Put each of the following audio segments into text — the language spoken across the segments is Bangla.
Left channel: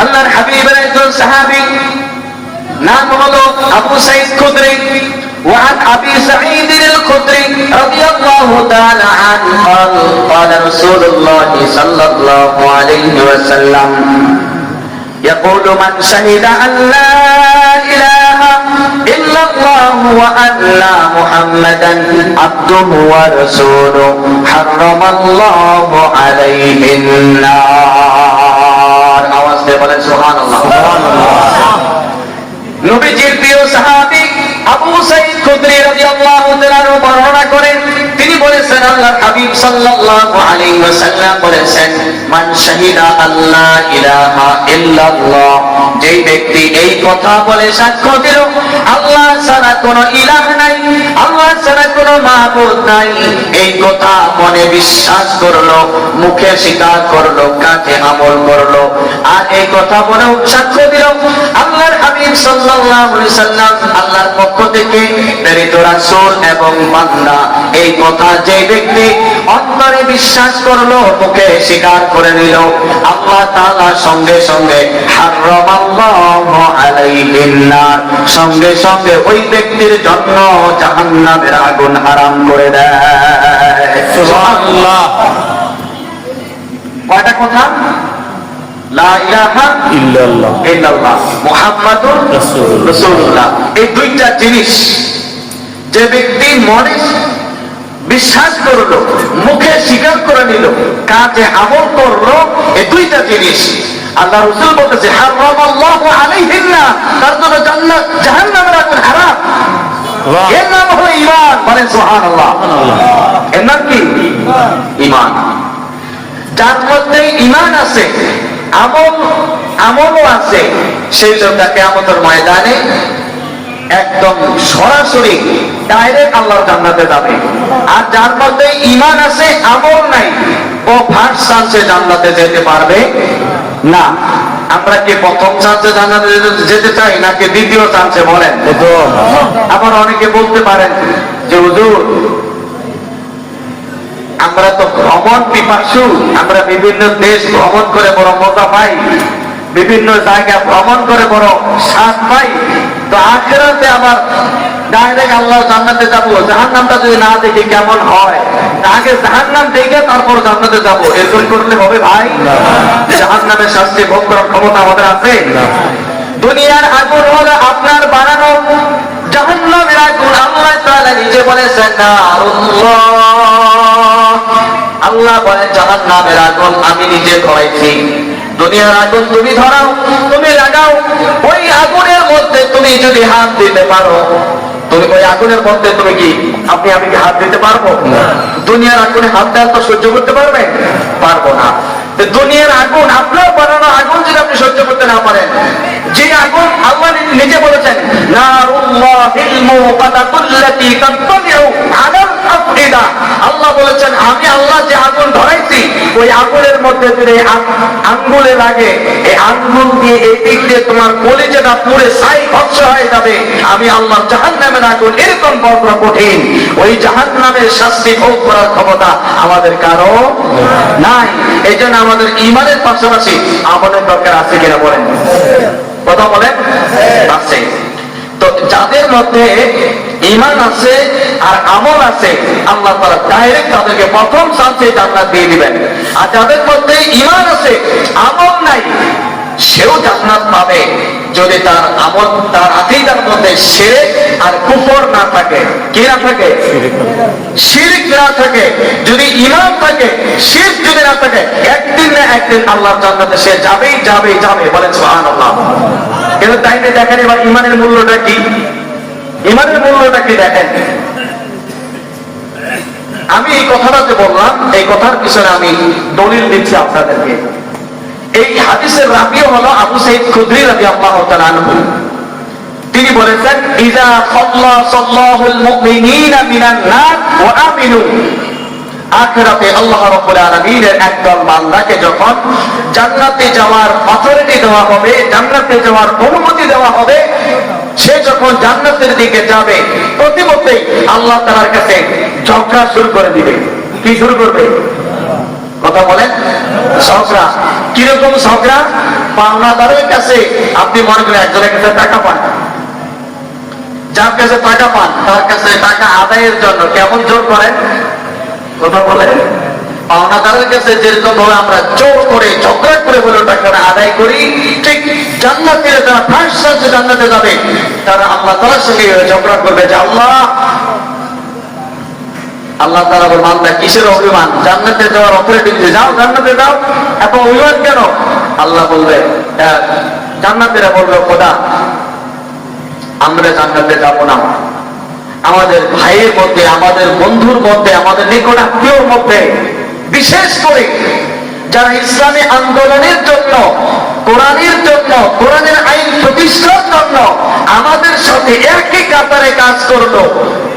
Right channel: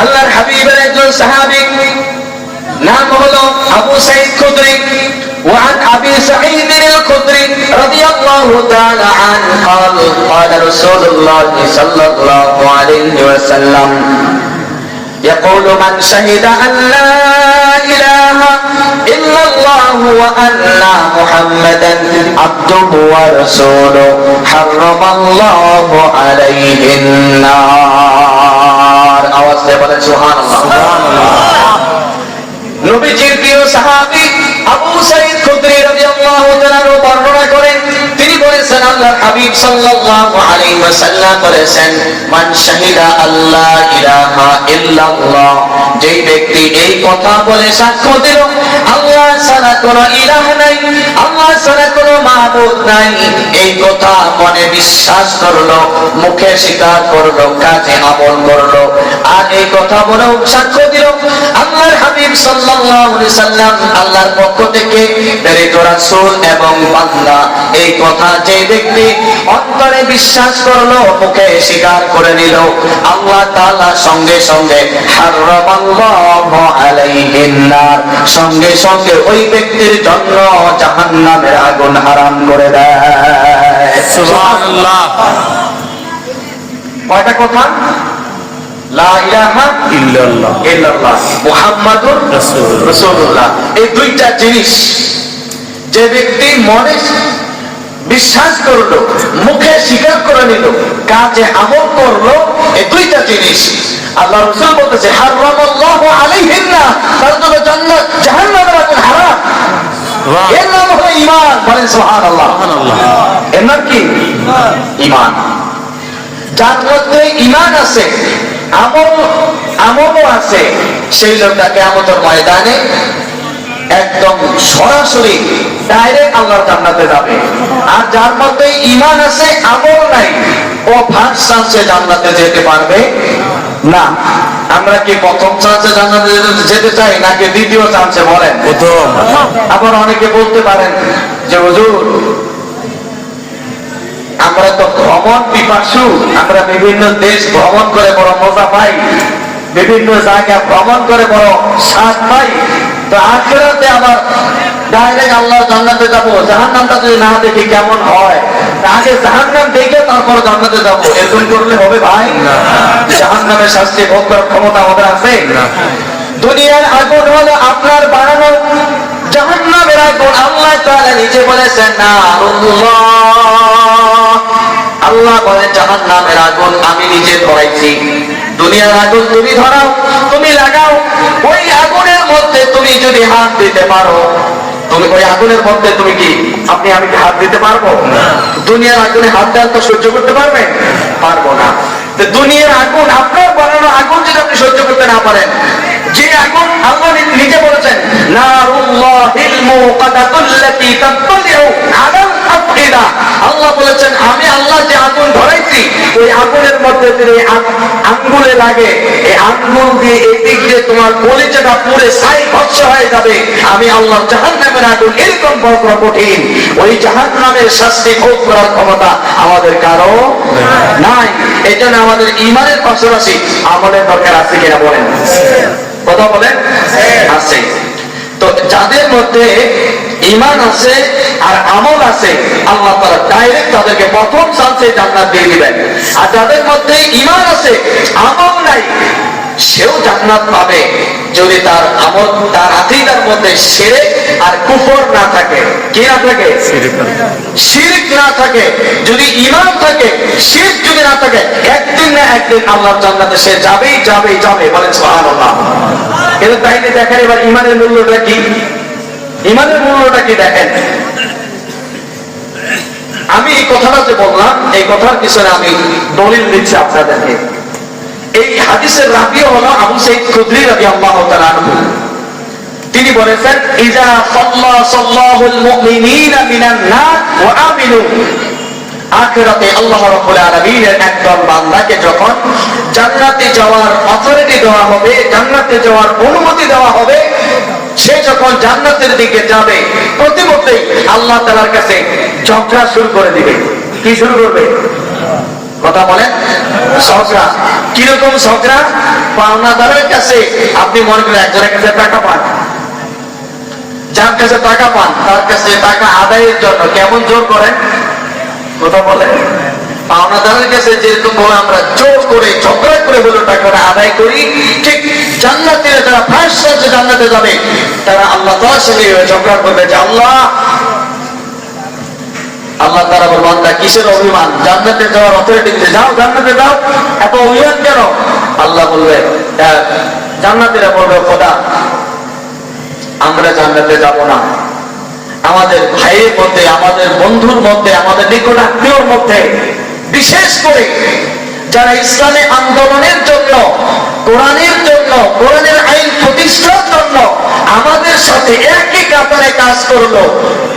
আল্লাহর হাবিবের একজন সাহাবী নাম হলো আবু সাঈদ খুদরি। وعن أبي سعيد الخدري رضي الله تعالى عنه قال قال رسول الله صلى الله عليه وسلم يقول من شهد أن لا إله إلا الله وأن محمدا عبده ورسوله حرم الله عليه النار আওয়াজ দিয়ে বলেন সুবহানাল্লাহ। সুবহানাল্লাহ। নবীজির প্রিয় সাহাবী আবু সাঈদ খুদরি রাদিয়াল্লাহু তাআলা বর্ণনা করেন, তিনি বলেছেন আল্লাহর হাবিব সাল্লাল্লাহু আলাইহি ওয়াসাল্লাম বলেছেন, মান শাহিদা আল্লাহ ইলাহা ইল্লাল্লাহ, যেই ব্যক্তি এই কথা বলে সাক্ষ্য দিল আল্লাহ ছাড়া কোনো ইলাহ নাই, আল্লাহ ছাড়া কোনো মাবুদ নাই, এই কথা মনে বিশ্বাস করলো, মুখে স্বীকার করলো, কাজে আমল করলো, আর এই কথা বলে সাক্ষ্য দিল আল্লাহর হাবিব সাল্লাল্লাহু আলাইহি ওয়াসাল্লাম আল্লাহর পক্ষ থেকে প্রেরিত রাসূল এবং বান্দা, এই কথা যে ব্যক্তি অন্তরে বিশ্বাস করলো, মুখে স্বীকার করে নিল, আল্লাহ তাআলা সঙ্গে সঙ্গে হারামাল্লাহু আলাইহিন নার, সঙ্গে সঙ্গে ওই ব্যক্তির জন্য জাহান্নামের আগুন হারাম করে দেয়। সুবহানাল্লাহ। কয়টা কথা? লা ইলাহা ইল্লাল্লাহ ইল্লাল্লাহ মুহাম্মাদুর রাসূলুল্লাহ, এই দুইটা জিনিস যে ব্যক্তি মনে বিশ্বাস করলো, মুখে স্বীকার করে নিল, কাজে আমল করলো, এই দুইটা জিনিস আল্লাহ রাসূল বলতেছে হারামাল্লাহু আলাইহিন নার, তার জন্য জান্নাত জাহান্নামের আগুন হারাম। এর নাম হলো ঈমান। বলেন সুবহানাল্লাহ। এর নাম কি? ঈমান। যার মধ্যে ঈমান আছে, আমলও আছে, সেই লোকটা কিয়ামতের ময়দানে একদম সরাসরি ডাইরেক্ট আল্লাহর জান্নাতে যাবে। আর যার মধ্যে ঈমান আছে, আমল নাই, ও ফার্স্ট চান্সে জান্নাতে যেতে পারবে না। আমরা কি প্রথম চান্সে জান্নাতে যেতে চাই নাকি দ্বিতীয় চান্সে? বলেন প্রথম। আবার অনেকে বলতে পারেন যে হুজুর আমরা তো ভ্রমণ পিপাসু, আমরা বিভিন্ন দেশ ভ্রমণ করে বড় মজা পাই, বিভিন্ন জায়গা ভ্রমণ করে বড় স্বাদ পাই, তো আখিরাতে আবার ডাইরেক্ট আল্লাহর জান্নাতে যাব, জাহান্নামটা যদি না দেখি কেমন হয়, আগে জাহান্নাম দেখে তারপর জান্নাতে যাব, এরকম করলে হবে ভাই? জাহান্নামের শাস্তি ভোগ করার ক্ষমতা আমাদের আছে না। দুনিয়ার আগুন হলো আপনার বানানো, জাহান্নামের আগুন আল্লাহ তাআলা নিজে বলেছেন নারুল্লাহ, আল্লাহ বলেন জাহান্নামের আগুন আমি নিজে ধরাইছি। দুনিয়ার আগুন তুমি ধরাও, তুমি লাগাও, ওই আগুনের মধ্যে তুমি যদি হাত দিতে পারো, তুমি ওই আগুনের মধ্যে তুমি কি আমি কি হাত দিতে পারবো না? দুনিয়ার আগুনে হাত দেওয়ার তো সহ্য করতে পারবে? পারবো না। দুনিয়ার আগুন, আপনার বানানো আগুন যদি আপনি সহ্য করতে না পারেন, যে আগুন আল্লাহ নিজে বলেছেন নারুল্লাহিল মুকাদাতুল্লাতী তাতলিউ আলাল আফইদা, আল্লাহ বলেছেন আমি আল্লাহ যে আগুন ধরাইছি, ওই আগুনের মধ্যে যদি আঙ্গুলে লাগে, এই আঙ্গুল দিয়ে এই দিক দিয়ে তোমার কলিজাটা পুড়ে ছাই ভস্ম হয়ে যাবে। আমি আল্লাহ জাহান্নামের আগুন এরকম বড় কঠিন, ওই জাহান্নামের শাস্তি ভোগ করার ক্ষমতা আমাদের কারো নাই। এই জন্য আমাদের ঈমানের পাশাপাশি আমলের দরকার আছে কিনা বলেন? কথা বলেন আছে। তো যাদের মধ্যে ঈমান আছে আর আমল আছে, আল্লাহ তাআলা ডাইরেক্ট তাদেরকে প্রথম চান্সে জান্নাত দিয়ে দিবেন। আর যাদের মধ্যে ঈমান আছে, আমল নাই, সেও জান্নাত পাবে যদি তার আমল, তার আকীদার মধ্যে শিরক আর কুফর না থাকে। কি না থাকে? শিরক না থাকে। যদি ঈমান থাকে, শিরক যদি না থাকে, একদিন না একদিন আল্লাহর জান্নাতে সে যাবেই যাবে যাবে। বলেন সুবহানাল্লাহ। কিন্তু তাইলে দেখেন এবার ঈমানের মূল্যটা কি? ঈমানের মূল্যটা কি দেখেন। আমি এই কথাটা যে বললাম, এই কথার পিছনে আমি দলিল দিচ্ছি আপনাদেরকে। এই হাদিসের রাবিও হলো আবু সাঈদ খুদরি রাদিয়াল্লাহু তাআলা আনহু। তিনি বলেছেন ইজা সাল্লাল্লাহুল মুমিনিনা মিনান নার ওয়া আমিনু, আখিরাতে আল্লাহ রাব্বুল আলামিনের একদল বান্দাকে যখন জান্নাতে যাওয়ার অথরিটি দেওয়া হবে, জান্নাতে যাওয়ার অনুমতি দেওয়া হবে, সে যখন জান্নাতের দিকে যাবে, প্রতিমধ্যেই আল্লাহ তাআলার কাছে ঝগড়া শুরু করে দিবে। কি শুরু করবে? কথা বলেন। ঝগড়া। কিরকম ঝগড়া? পাওনাদারের কাছে আপনি মনে করেন একজনের কাছে টাকা পান, যার কাছে টাকা পান তার কাছে টাকা আদায়ের জন্য কেমন জোর করেন, কথা বলে। পাওনাদারের কাছে যেরকম ভাবে আমরা জোর করে ঝগড়া করে বলে টাকা আদায় করি, ঠিক জান্নাতীরা যারা ফার্স্ট ক্লাসে জান্নাতে যাবে তারা আল্লাহ তাআলার সাথে ঝগড়া করবে যে আল্লাহ তাআলা বলবেন বান্দা কিসের অভিমান, জান্নাতে যাওয়ার অথরিটি দিতে যাও, জান্নাতে যাও, এত অভিমান কেন? আল্লাহ বলবে, জান্নাতীরা বলবে খোদা আমরা জান্নাতে যাব না, আমাদের ভাইয়ের মধ্যে, আমাদের বন্ধুর মধ্যে, আমাদের নিকট আত্মীয়র মধ্যে, বিশেষ করে যারা ইসলামী আন্দোলনের জন্য, কোরআনের জন্য, কোরআনের আইন প্রতিষ্ঠার জন্য আমাদের সাথে একই কাতারে কাজ করলো,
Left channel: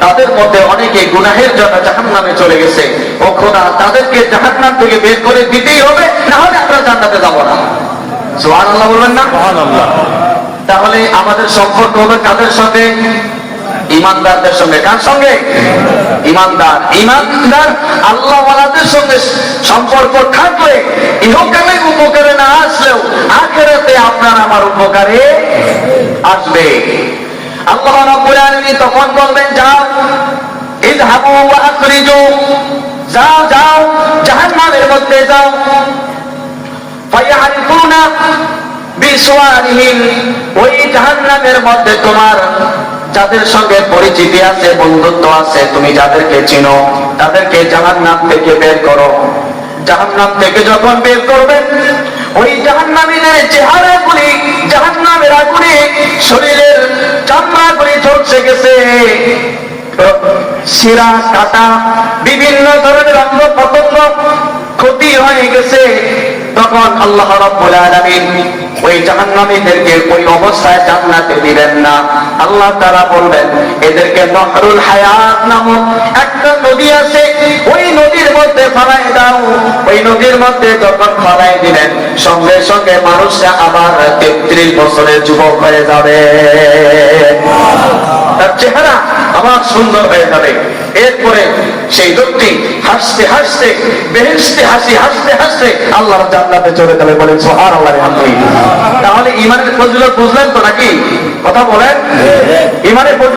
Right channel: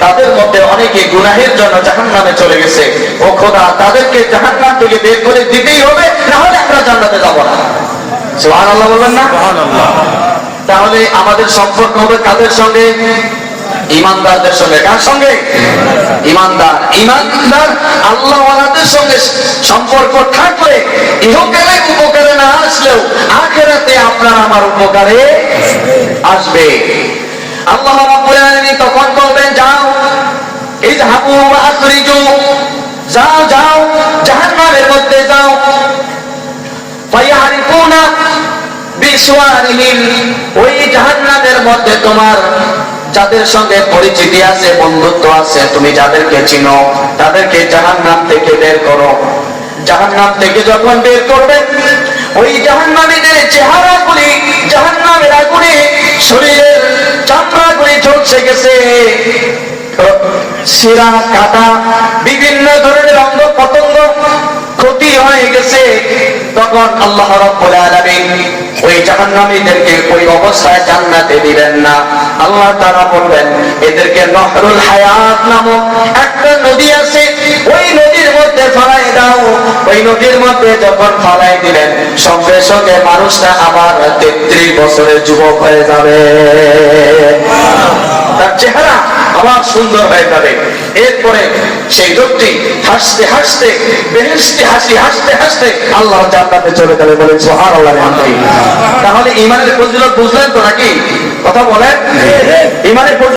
তাদের মধ্যে অনেকে গুনাহের জন্য জাহান্নামে চলে গেছে। ও খোদা তাদেরকে জাহান্নাম থেকে বের করে দিতেই হবে, না হলে আমরা জান্নাতে যাব না। সুবহানাল্লাহ বলবেন না? সুবহানাল্লাহ। তাহলে আমাদের সম্পর্ক হবে কাদের সঙ্গে? ইমানদারদের সঙ্গে। কার সঙ্গে? ইমানদার। ইমানদার আল্লাহওয়ালাদের সঙ্গে সম্পর্ক থাকলে ইহকালে উপকারে না আসলেও আখিরাতে আপনার আমার উপকারে আসবে। আল্লাহ রাব্বুল আলামিন তখন বলবেন যাও ইযহাবু ওয়া আখরিজু, যাও যাও জাহান্নামের মধ্যে যাও। ফায়ারিফুনা বিসওয়ারিহিম, ওই জাহান্নামের মধ্যে তোমার যাদের সঙ্গে পরিচিতি আছে, বন্ধুত্ব আছে, তুমি যাদেরকে চিনো তাদেরকে জাহান্নাম থেকে বের করো। জাহান্নাম থেকে যখন বের করবে ওই জাহান্নামীদের চেহারাগুলি জাহান্নামের আগুনে শরীরের চামড়াগুলি ঝলসে গেছে, শিরা কাটা বিভিন্ন ধরনের অঙ্গ প্রত্যঙ্গ ক্ষতি হয়ে গেছে। তখন আল্লাহ রাব্বুল আলামিন ওই জাহান্নামীদেরকে ওই অবস্থায় জান্নাতে দিবেন না। আল্লাহ তাআলা বলবেন এদেরকে নহরুল হায়াত নামক একটা নদী আছে, ওই নদীর মধ্যে ফেলাই দাও। ওই নদীর মধ্যে যখন ফেলাই দিলেন সঙ্গে সঙ্গে মানুষটা আবার 33 বছরের যুবক হয়ে যাবে, তার চেহারা আবার সুন্দর হয়ে যাবে। এরপরে সেই লোকটি হাসতে হাসতে বেহেশতে হাসতে হাসতে আল্লাহ জান্নাতে চলে যাবে। বলেন সুবহানাল্লাহ। তাহলে ইমানের ফজিলত বুঝলেন তো নাকি? কথা বলেন। ইমানের